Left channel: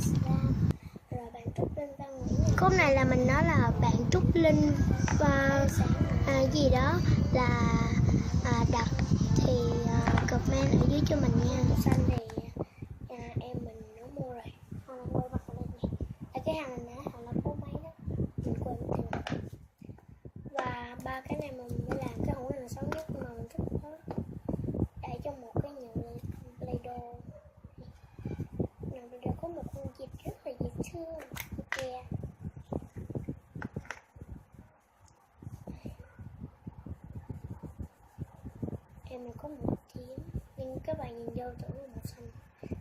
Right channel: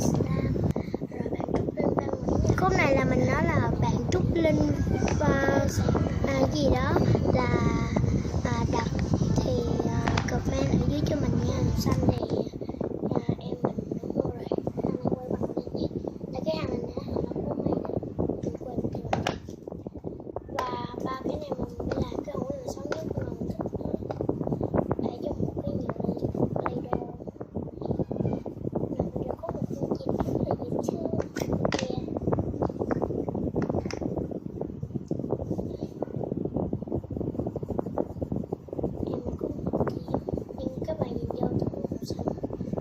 Slam, rồi bạn Trúc Linh Văn Nguyễn. Khúc này là mình nói là bạn Trúc Linh và gì đó là đặt thì comment ở dưới cho mình nha. Xanh thì em mình nó mua rồi. Hàng quay mặt lên nhé. Là cái hàng này nè, hàng nó có mấy đó mình quên thì và ba cái này mình mới làm cái hũ này là xấu nhất mà mình thích nó để trong một cái nhựa Play-Doh. Nhựa Play-Doh có một con vịt rất là dễ thương kìa. Em mình có một kiếm nhưng các bạn nhìn vô thì màu xanh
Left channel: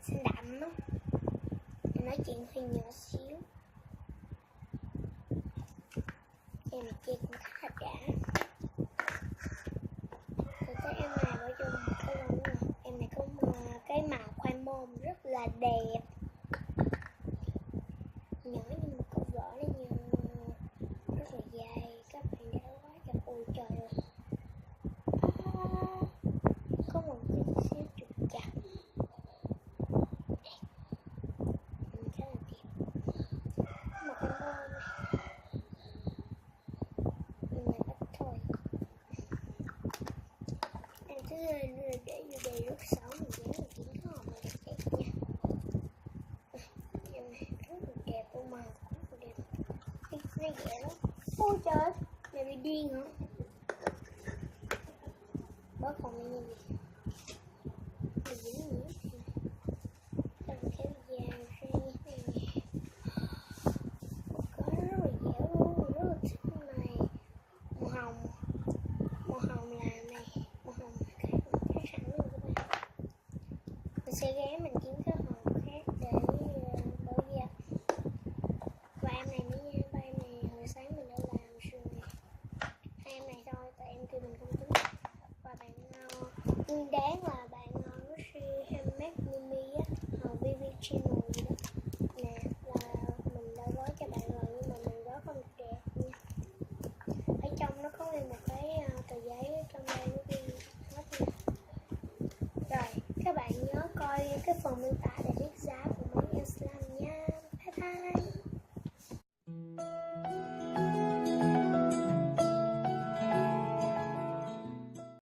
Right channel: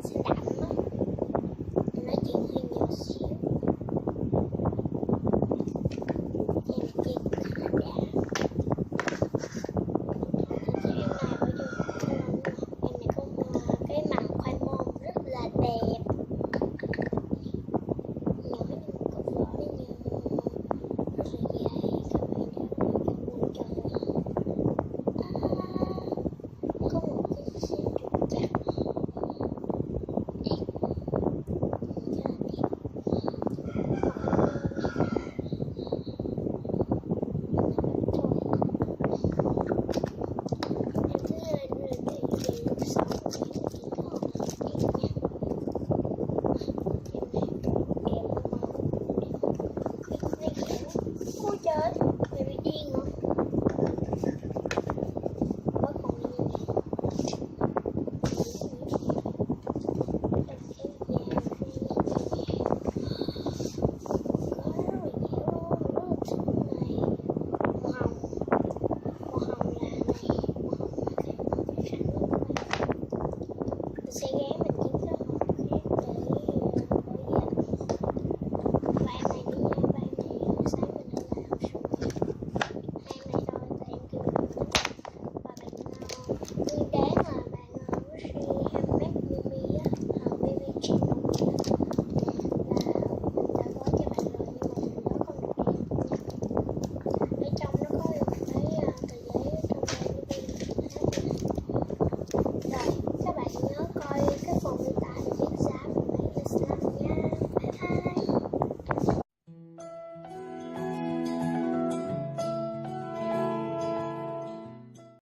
xanh đậm á. Mình nói chuyện hơi nhỏ xíu. Em chơi khá là đã. Em này bỏ vô cái lon nữa. Em này có cái màu khoai môn rất là đẹp. Nhỏ nhưng có vỏ đây nha. Rất là dài. Các bạn để lại cái ui trời ơi. Có một cái xíu trục chặt. Đẹp. Rất là đẹp. Ôi trời, mày bị điên hả? Bớt còn đi nha. Làm cái da ra có rất là dẻo luôn, rất là thích này. Màu hồng là này, màu hồng là cái sẵn luôn các bạn. Mình sẽ ghé mình kiếm cái hộp khác để bỏ da. Và em này nữa nha, và em này sáng mình đã làm rồi. Hai em này thôi, tại em kêu mình không thích. Và bạn nguyên đáng là bạn Lucy Handmade Mimi á, BB Channel.